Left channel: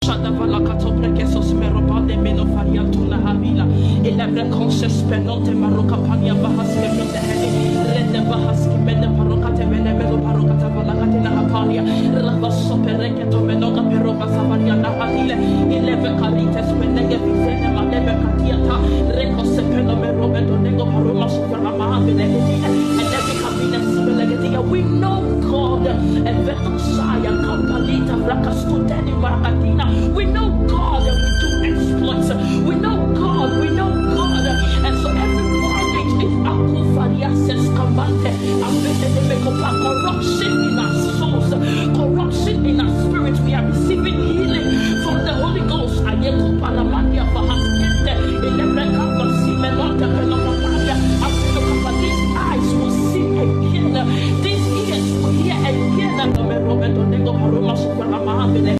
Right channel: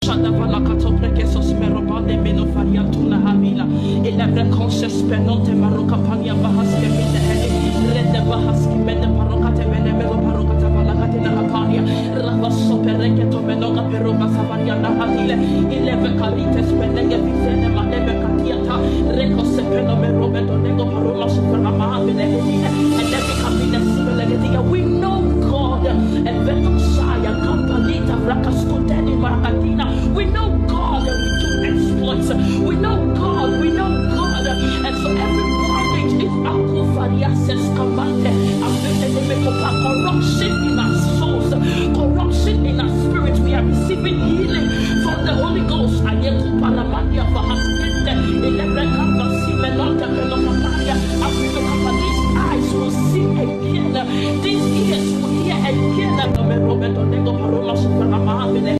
Shadavala katoprekesos merobande menofariantuna havila. Elebre conscious penonte maroka pania bahaske minde heli. Rende bahaski mende parokate mene melo parokata valakate na apania. Ravaso pereketo menoga peroga savariana havile. Eleve karites penege vizene maleve katiata. Rekose peno merobe donego paroma superna mahavile hedine. Eleve kabine sibelegetiya. We know God. Eveto saya kampalita rakaskuteni marakatina. We know God and we do exploits. We know God, and so every bondage is akufariases kamante. Corruption in our souls, corruption in our spirit. We are receiving